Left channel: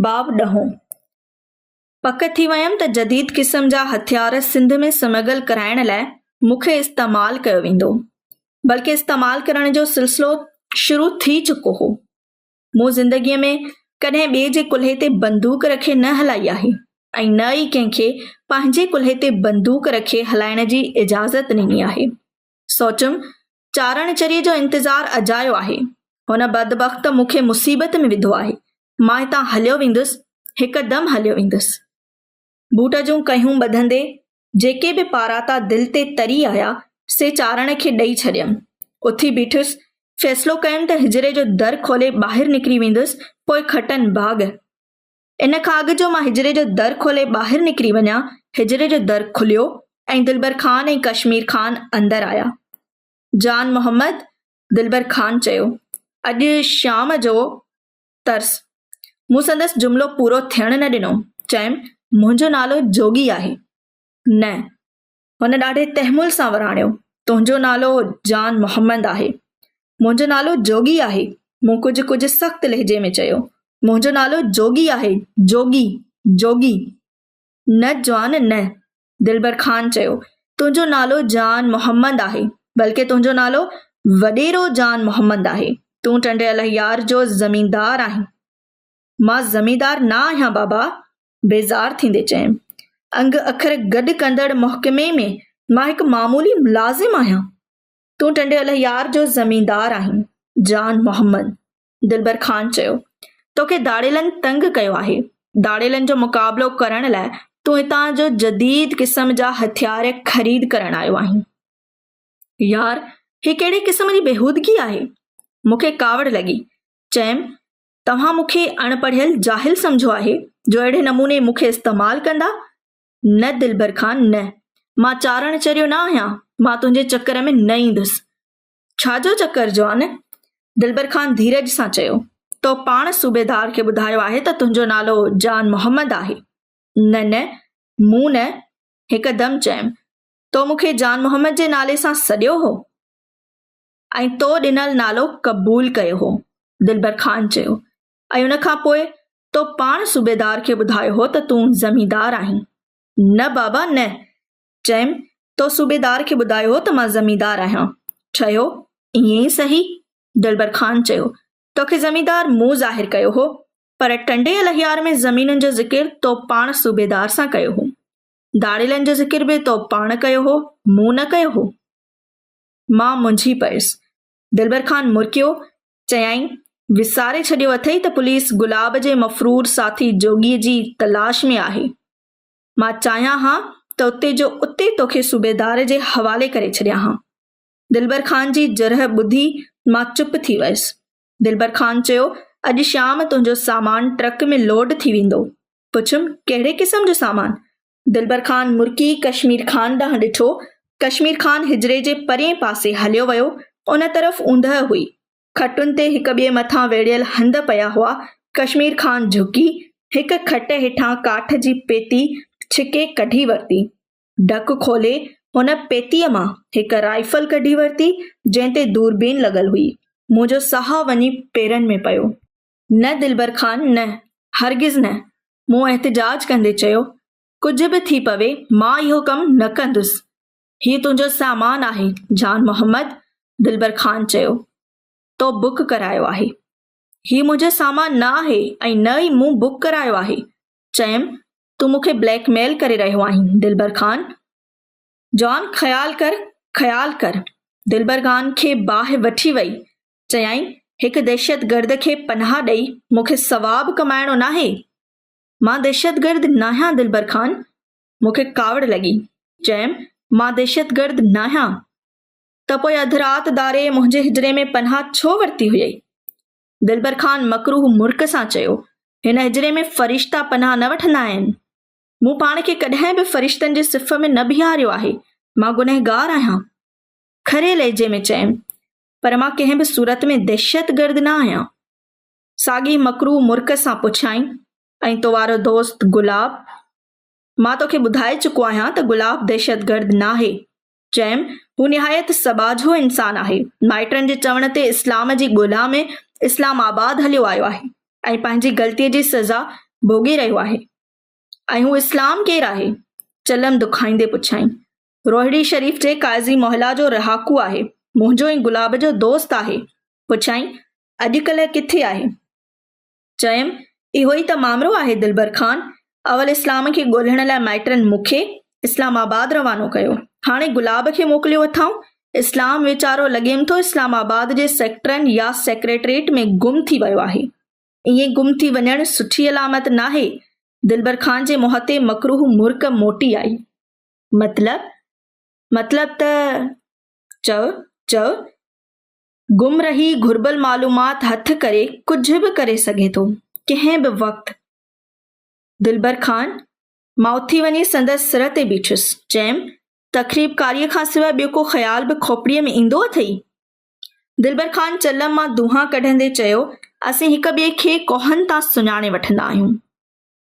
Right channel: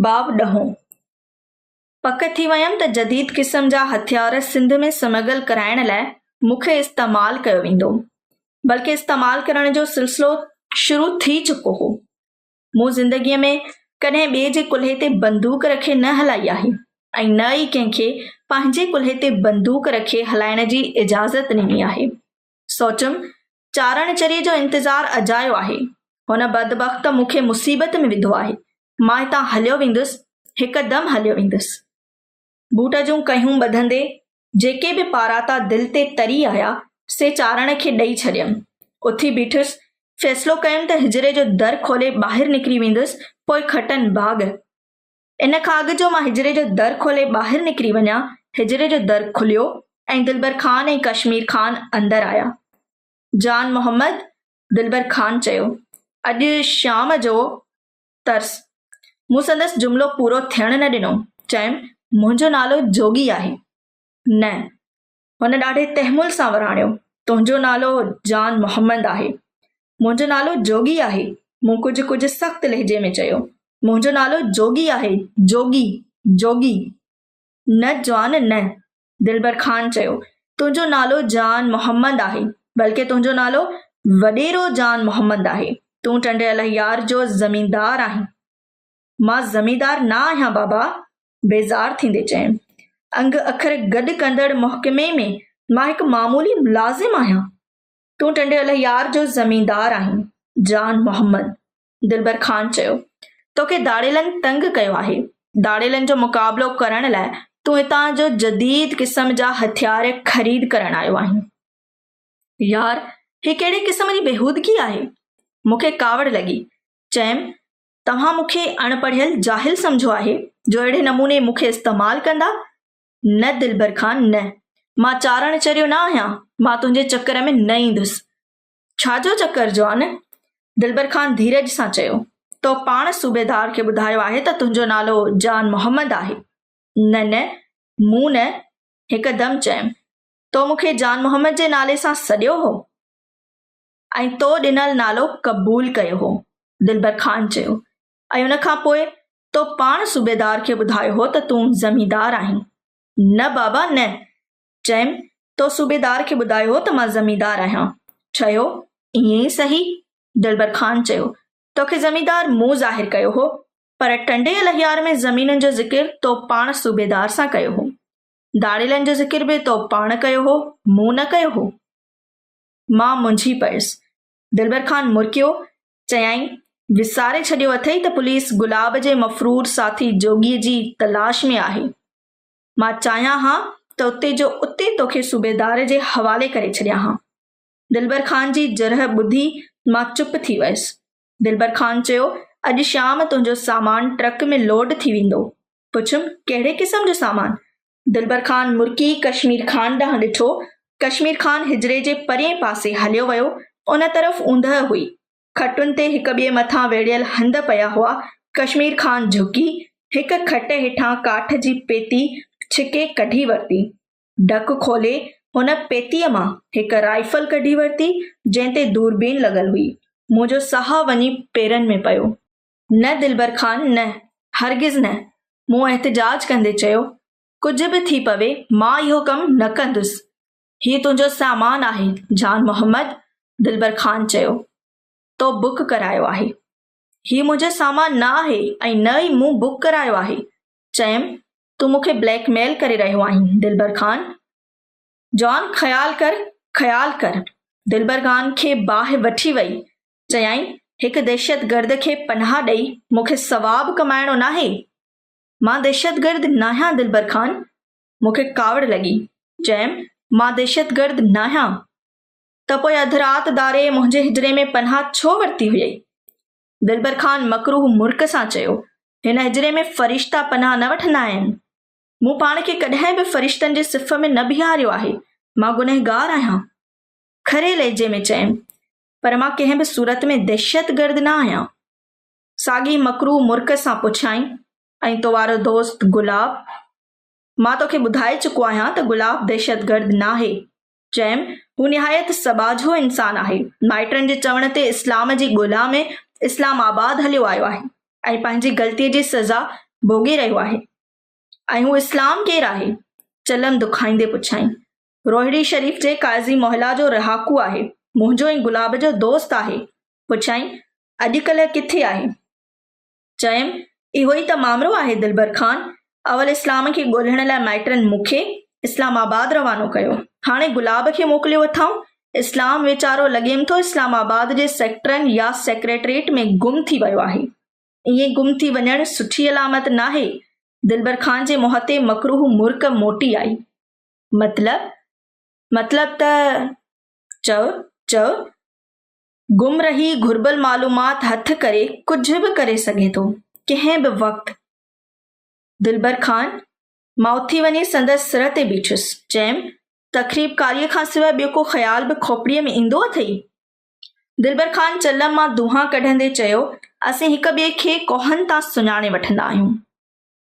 बाब ॾहों। पक थी वयमि त जदीद क़िस्म जा हथियार सिंध में स्मगल कराइण लाइ मूंखे इस्तेमाल कयो वेंदो, बल्कि इस्तेमाल करण जो सिलसिलो शुरू थी चुको हो। मूं ज़िंदगीअ में कॾहिं ॿिए जे कुल्हे ते बंदूक रखे न हलाई आहे ऐं न ई कंहिंखे पंहिंजे कुल्हे ते बंदूक रखे हलाइण जी इजाज़त ॾिनी आहे। सोचुमि चारण चरीअ जो इंतज़ारु अजायो आहे। हुन बदबख़्त मूंखे मुसीबत में विधो आहे। मां हितां हलियो वेंदुसि, हिकदमि हलियो वेंदुसि। बूट जूं कयूं ॿधंदे जेके बि पाराता दिलि ते तरी आया से चारण खे ॾेई छॾियमि। उथी बीठुसि, फ़ैसिलो कयुमि त हिजरे जो दर खोले ॿाहिरि निकिरी वेंदुसि, पोइ खटनि बाग़। इन खां अॻु जो मां हिजरे जो दर खोले ॿाहिरि निकिरी वञा, हिजरे जो दर खुलियो ऐं दिलबर ख़ान ऐं कश्मीर ख़ान अंदरि आया। जान मोहम्मद, दिलबर ख़ान चयो, अॼु शाम जो तर्स। मूं संदसि जुमिलो पूरो थियण न ॾिनो। चयमि, मुंहिंजो नालो जोगी आहे। न, हुन ॾाढे तहमुल सां वराणियो, तुंहिंजो नालो जान मोहम्मद आहे। मुंहिंजो नालो जोगी आहे। मूं कुझु सख़्त लहजे में चयो, मुंहिंजो नालो जोगी आहे, जोगी जोगी। न जवान न, दिलबर ख़ान चयो, तुंहिंजो नालो जान मोहम्मद आहे, बल्कि तुंहिंजो नालो वॾेरो जान मोहम्मद आहे। तूं टंडियल यार जो ज़मींदार आहीं। मां ज़मींदार न आहियां बाबा, बेज़ार थींदे चयमि। अंग अखर गॾु कंदड़ महकमे में मां हिकु मामूली मुलाज़िम आहियां। तूं टंडियल यार जो ज़मींदार आहीं, जान मोहम्मद, दिलबर ख़ान चयो। तोखे दाड़ेलनि तंग कयो आहे। दाड़ेलनि जो मुक़ाबिलो करण लाइ तूं हितां जो जदीद क़िस्म जा हथियार ख़रीद करण आयो आहीं। यार, ही कहिड़े क़िस्म जी बेहूदगी आहे? मूंखे कावड़ लॻी। चयमि, तव्हां मूंखे अणपढ़ियल जाहिल सम्झो आहे जो अहिड़े नमूने मूंखे इस्तेमाल कंदा? न दिलबर ख़ान न, मां चारण चरियो न आहियां। मां तुंहिंजे चकर में न ईंदुसि। छाजो चकर जवान? दिलबर ख़ान धीरज सां चयो, तो पाण सूबेदार खे ॿुधायो आहे त तुंहिंजो नालो जान मोहम्मद आहे। न न, मूं न, हिकदमि चयमि, तो मूंखे जान मोहम्मद जे नाले सां सॾियो हो ऐं तो ॾिनल नालो क़बूल कयो हो, दिलबर ख़ान चयो। ऐं उन खां पोइ तो पाण सूबेदार खे ॿुधायो हो त तूं ज़मींदार आहीं। न बाबा न, चयमि, तो सूबेदार खे ॿुधायो हो त मां ज़मींदार आहियां। चयो, ईअं ई सही, दिलबर ख़ान चयो। तोखे ज़मींदार मूं ज़ाहिर कयो हो, पर टंडे लहियार में ज़मीननि जो ज़िक्र तो पाण सूबेदार सां कयो हो। दाड़ेलनि जो ज़िक्र बि तो पाण कयो हो, मूं न कयो हो। मां मुंझी पयुसि। दिलबर ख़ान मुरकियो, चयाईं, विसारे छॾियो अथई त पुलिस गुलाब जे मफ़रूर साथी जोगीअ जी तलाश में आहे। मां चाहियां हां त उते जो उते तोखे सूबेदार जे हवाले करे छॾियां हां। दिलबर ख़ान जी जरह ॿुधी मां चुप थी वयसि। दिलबर ख़ान चयो, अॼु शाम तुंहिंजो सामान ट्रक में लोड थी वेंदो। पुछुमि, कहिड़े क़िस्म जो सामान? दिलबर ख़ान मुर्की कश्मीर ख़ान ॾांहुं ॾिठो। कश्मीर ख़ान हिजरे जे परिएं पासे हलियो वियो। उन तरफ़ ऊंदहि हुई। खटुनि ते हिक ॿिए मथां वेड़ियल हंध पिया हुआ। कश्मीर ख़ान झुकी हिक खट हेठां काठ जी पेती छिके कढी वरिती। ढक खोले हुन पेतीअ मां हिक राइफल कढी वरिती जंहिं ते दूरबीन लॻल हुई। मुंहिंजो साहु वञी पेरनि में पियो। न दिलबर ख़ान न, हरगिज़ न, मूं एहतिजाज कंदे चयो। कुझु बि थी पवे, मां इहो कमु न कंदुसि। हीउ तुंहिंजो सामान आहे, जान मोहम्मद, दिलबर ख़ान चयो। तो बुक करायो आहे। हीउ मुंहिंजो सामान न आहे ऐं न ई मूं बुक करायो आहे। चयमि, तूं मूंखे ब्लैकमेल करे रहियो आहीं, दिलबर ख़ान। जॉन, ख़्याल कर। दिलबर ख़ान खे बाहि वठी वई। चयाईं, हिकु दहशतगर्द खे पनाह ॾेई मूंखे सवाबु कमाइणो नाहे। मां दहशतगर्द न आहियां, दिलबर ख़ान। मूंखे कावड़ लॻी। चयमि, मां दहशतगर्द न आहियां। त पोइ अधु राति दारे मुंहिंजे हिजरे में पनाह छो वरिती हुई? दिलबर ख़ान मकरूह मुर्क सां चयो, हिन हिजरे में फ़रिश्ता पनाह न वठंदा आहिनि। मूं पाण खे कॾहिं बि फ़रिश्तनि जे सिफ़ में न बीहारियो आहे। मां गुनहगार आहियां, खरे लहजे में चयमि, पर मां कंहिं बि सूरत में दहशतगर्द न आहियां। साॻी मकरूह मुर्क सां पुछाईं, ऐं तो वारो दोस्त गुलाब? मां तोखे ॿुधाए चुको आहियां त गुलाब दहशतगर्द न आहे। चयमि, हू निहायत सबाझो इंसान आहे। माइटनि जे चवण ते इस्लाम जी ॻोल्हा में इस्लामाबाद हलियो आयो आहे ऐं पंहिंजी ग़लतीअ जी सज़ा भोगी रहियो आहे। ऐं हू इस्लाम केरु आहे? चलम दुखाईंदे पुछाईं। रोहिड़ी शरीफ़ जे काज़ी मोहल्ला जो रहाकू आहे, मुंहिंजो ऐं गुलाब जो दोस्त आहे। पुछाईं, अॼुकल्ह किथे आहे? चयमि, इहो ई त मामरो आहे दिलबर ख़ान। अवल इस्लाम खे ॻोल्हण लाइ माइटनि मूंखे इस्लामाबाद रवानो कयो, हाणे गुलाब खे मोकिलियो अथऊं। इस्लाम वीचारो लॻेमि थो इस्लामाबाद जे सेक्टरनि या सेक्रेटरेट में गुम थी वियो आहे। ईअं गुम थी वञणु सुठी अलामत नाहे। दिलबर ख़ान जे मुंहं ते मकरूह मुर्क मोटी आई। मतलब त चओ गुम रही घुर्बल मालूमात हथ करे कुझु बि करे सघे थो, कंहिं बि वक़्तु। दिलबर ख़ान, मां उथी वञी संदसि सिर ते बीठुसि। चयमि, तकरीबकारीअ खां सवाइ ॿियो को ख़्याल बि खोपड़ीअ में ईंदो अथई? दिलबर ख़ान चलम मां दुहा कढंदे चयो, असीं हिक ॿिए खे कोहनि तां सुञाणे वठंदा आहियूं।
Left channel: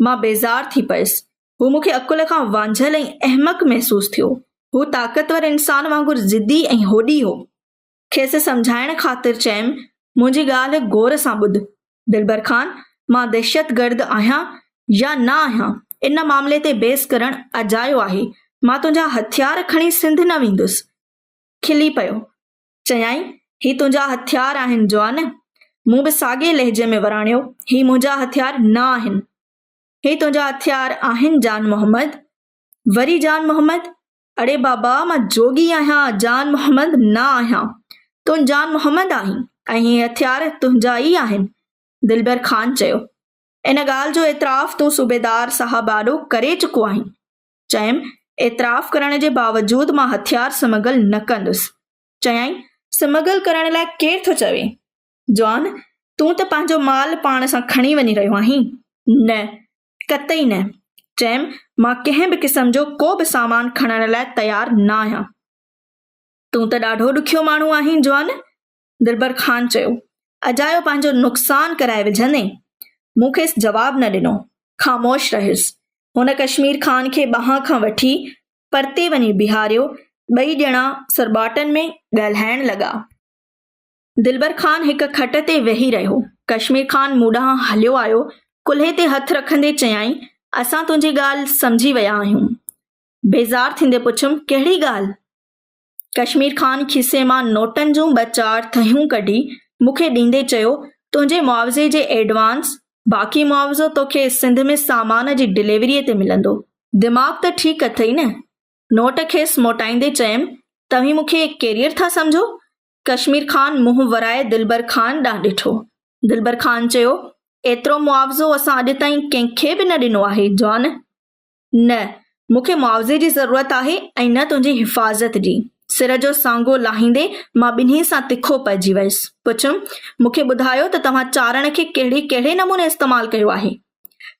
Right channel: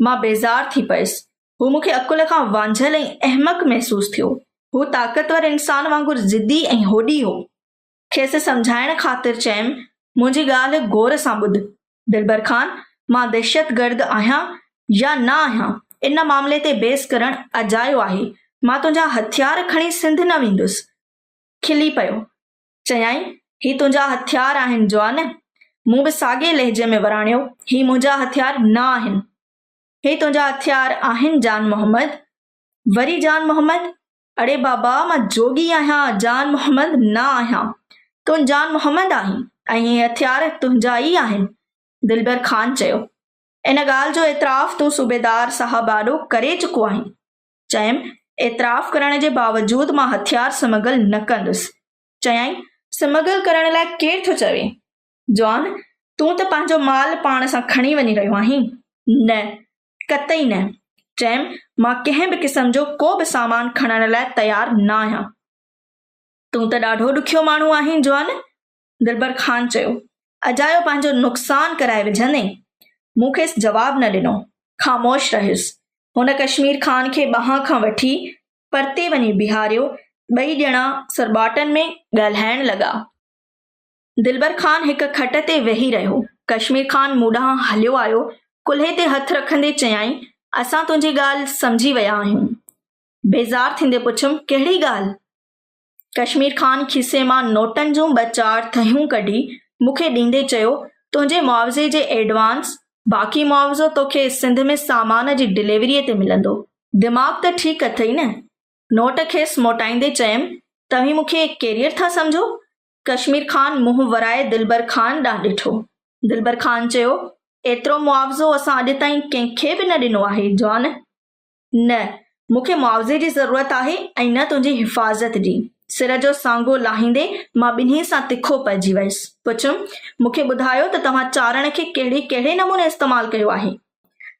मां बेज़ार थी पयुसि। हू मूंखे अकुल खां वांझल ऐं अहमक महसूस थियो। हू ताक़तवर इंसान वांगुरु ज़िद्दी ऐं होॾी हो। खेसि सम्झाइण ख़ातिर चयमि, मुंहिंजी ॻाल्हि गौर सां ॿुध। दिलबर ख़ान, मां दहशतगर्द आहियां या न आहियां, इन मामले ते बहस करणु अजायो आहे। मां तुंहिंजा हथियार खणी सिंध न वेंदुसि। खिली पियो। चयाईं, ही तुंहिंजा हथियार आहिनि जवान। मूं बि साॻे लहजे में वराणियो, ही मुंहिंजा हथियार न आहिनि। हे तुंहिंजा हथियार आहिनि जान मोहम्मद। वरी जान मोहम्मद? अड़े बाबा, मां जोगी आहियां, जान मोहम्मद न आहियां। तूं जान मोहम्मद आहीं ऐं हे हथियार तुंहिंजा ई आहिनि। दिलबर ख़ान चयो, इन ॻाल्हि जो एतिराफ़ तूं सूबेदार साहब आॾो करे चुको आहीं। चयमि, एतिराफ़ करण जे बावजूदि मां हथियार समगल न कंदुसि। चयाईं, समगल करण लाइ केरु थो चवे? जॉन, तूं त पंहिंजो माल पाण सां खणी वञी रहियो आहीं। न, कतई न। चयमि, मां कंहिं बि क़िस्म जो को बि सामान खणण लाइ तयारु न आहियां। तूं त ॾाढो ॾुखियो माण्हू आहीं जॉन। दिलबर ख़ान चयो, अजायो पंहिंजो नुक़सान कराए विझंदे। मूं खेसि जवाबु न ॾिनो, ख़ामोश रहियुसि। हुन कश्मीर ख़ान खे ॿांह खां वठी परते वञी बिहारियो। ॿई ॼणा सरबाटनि में ॻाल्हाइण लॻा। दिलबर ख़ान हिक खट ते वेही रहियो। कश्मीर ख़ान मूं ॾांहुं हलियो आयो। कुल्हे ते हथ रखंदे चयाईं, असां तुंहिंजी ॻाल्हि सम्झी विया आहियूं। बेज़ार थींदे पुछियमि, कहिड़ी ॻाल्हि? कश्मीर ख़ान खीसे मां नोटनि जूं 2-4 थहियूं कढी मूंखे ॾींदे चयो, तुंहिंजे मुआवज़े जे एडवांस, बाक़ी मुआवज़ो तोखे सिंध में सामान जी डिलीवरीअ ते मिलंदो। दिमाग़ त ठीकु अथई न? नोट खेसि मोटाईंदे चयमि, तव्हीं मूंखे कैरियर था सम्झो? कश्मीर ख़ान मुंहुं वराए दिलबर ख़ान ॾांहुं ॾिठो। दिलबर ख़ान चयो, एतिरो मुआवज़ो असां अॼु ताईं कंहिंखे बि न ॾिनो आहे जॉन। न, मूंखे मुआवज़े जी ज़रूरत आहे ऐं न तुंहिंजी हिफ़ाज़त जी। सिर जो सांगो लाहींदे मां ॿिन्ही सां तिखो पइजी वयसि। पुछियमि, मूंखे ॿुधायो त तव्हां चारण खे कहिड़े नमूने इस्तेमालु कयो आहे?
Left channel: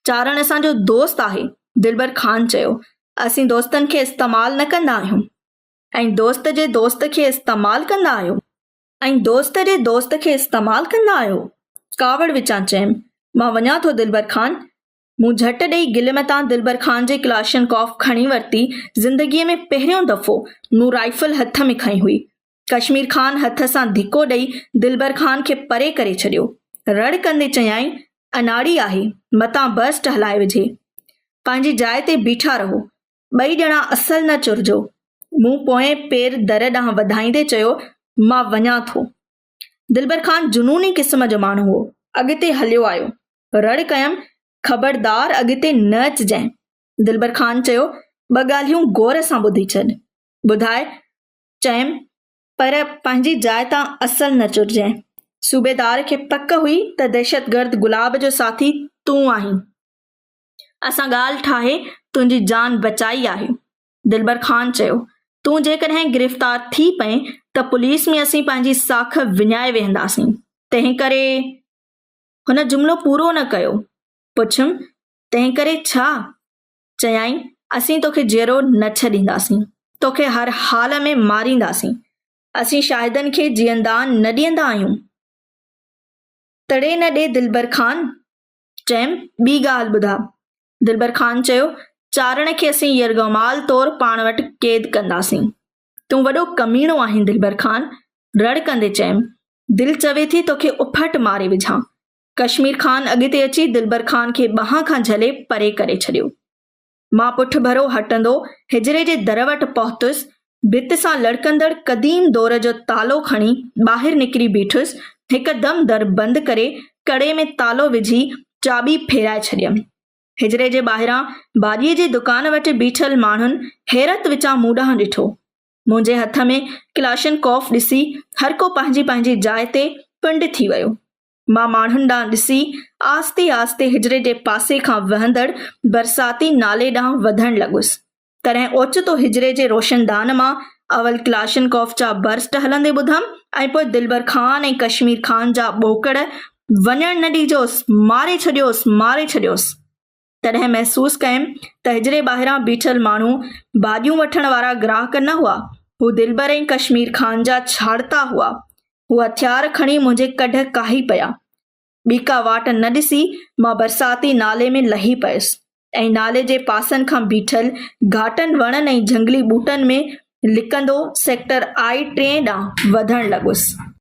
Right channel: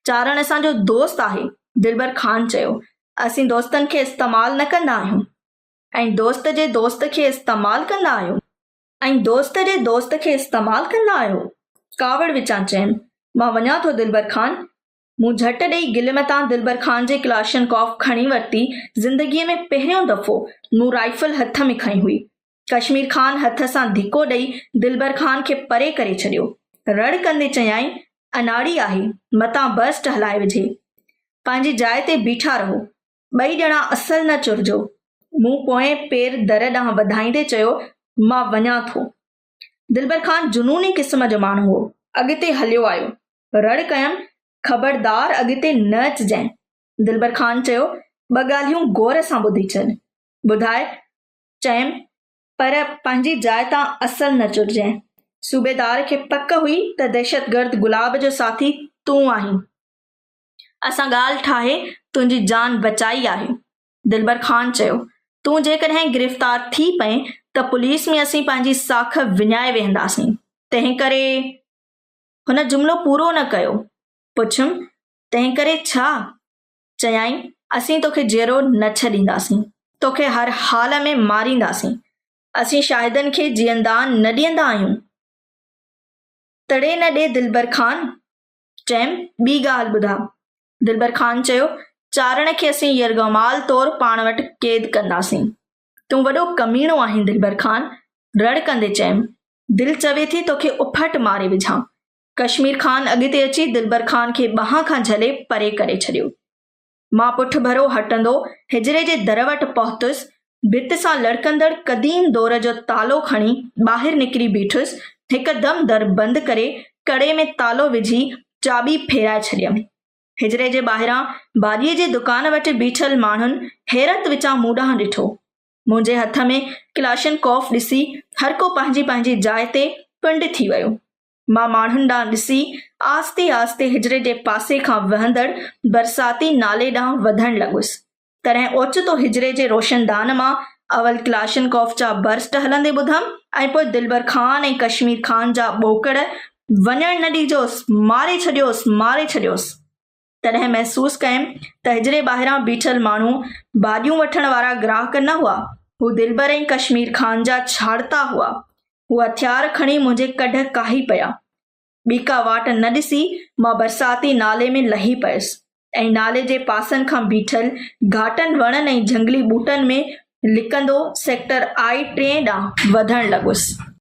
चारण असांजो दोस्त आहे। दिलबर ख़ान चयो, असीं दोस्तनि खे इस्तेमालु न कंदा आहियूं। ऐं दोस्त जे दोस्त खे इस्तेमालु कंदा आहियो? ऐं दोस्त जे दोस्त खे इस्तेमालु कंदा आहियो? कावड़ विचां चयमि, मां वञा थो दिलबर ख़ान। मूं झटि ॾेई गिलम तां दिलबर ख़ान जे क्लाशनकॉफ खणी वरिती। ज़िंदगीअ में पहिरियों दफ़ो मूं राइफल हथ में खई हुई। कश्मीर ख़ान हथ सां धिको ॾेई दिलबर ख़ान खे परे करे छॾियो। रड़ कंदे चयाईं, अनाड़ी आहे, मतां बस्ट हलाए विझे। पंहिंजी जाइ ते बीठा रहो, ॿई ॼणा असल न चुरजो। मूं पोएं पेर दर ॾांहुं वधाईंदे चयो, मां वञा थो। दिलबर ख़ान जुनूनी क़िस्म जो माण्हू हो। अॻिते हलियो आयो। रड़ कयमि, ख़बरदार अॻिते न अचिजांइ। दिलबर ख़ान चयो, 2 ॻाल्हियूं गौर सां ॿुधी छॾ। ॿुधाए। चयमि, पर पंहिंजी जाइ तां असल न चुरजांइ। सूबेदार खे पक हुई त दहशतगर्द गुलाब जो साथी तूं आहीं। असां ॻाल्हि ठाहे तुंहिंजी जान बचाई आहे। दिलबर ख़ान चयो, तूं जेकॾहिं गिरफ़्तार थी पए त पुलिस में असीं पंहिंजी साख विञाए वेंदासीं। तंहिं करे हुन जुमिलो पूरो न कयो। पुछियमि, तंहिं करे छा? चयाईं, असीं तोखे जीअरो न छॾींदासीं, तोखे हर हाल में मारींदासीं। असीं शाहिदनि खे जीअंदान न ॾींदा आहियूं। तड़े न ॾे दिलबर ख़ान। चयमि, ॿी ॻाल्हि ॿुधा। दिलबर ख़ान चयो, चारण खे असीं यरगमाल तौरु पाण वटि क़ैद कंदासीं। तूं वॾो कमीणो आहीं दिलबर ख़ान। रड़ कंदे चयमि, दिलि चवे थी तोखे उफट मारे विझां। कश्मीर खान अॻिते अची दिलबर खान खे ॿांह खां झले परे करे छॾियो। मां पुठ भरो हटंदो हिजरे जे दर वटि पहुतुसि, भित सां लड़कंदड़ क़दीम दौर जो तालो खणी ॿाहिरि निकिरी बीठुसि, हिकदमि दर बंदि करे कड़े में तालो विझी चाबी फेराए छॾियमि। हिजरे जे ॿाहिरां भाॼीअ जे दुकान वटि बीठल माण्हुनि हैरत विचां मूं ॾांहुं ॾिठो। मुंहिंजे हथ में क्लाशनकॉफ ॾिसी हर को पंहिंजी पंहिंजी जाइ ते पिंड थी वियो। मां माण्हुनि ॾांहुं ॾिसी आस्ते आस्ते हिजरे जे पासे खां वहंदड़ बरसाती नाले ॾांहुं वधण लॻुसि। तॾहिं ओचितो हिजरे जे रोशनदान मां अवल क्लाशनकॉफ जा बर्स्ट हलंदे ॿुधमि ऐं पोइ दिलबर खान ऐं कश्मीर खान जा ॿोकड़ वञण न ॾिजोसि, मारे छॾियोसि, मारे छॾियोसि। तॾहिं महसूस कयमि त हिजरे ॿाहिरां बीठल माण्हू भाॼियूं वठण वारा ग्राहक न हुआ, हू दिलबर ऐं कश्मीर खान जा छाड़ता हुआ। हू हथियार खणी मुंहिंजे कढ काही पिया। ॿी का वाट न ॾिसी मां बरसाती नाले में लही पयुसि ऐं नाले जे पासनि खां बीठल घाटनि वणनि ऐं झंगली ॿूटनि में लिकंदो सेक्टर I-3 ॾांहुं वधण लॻुसि।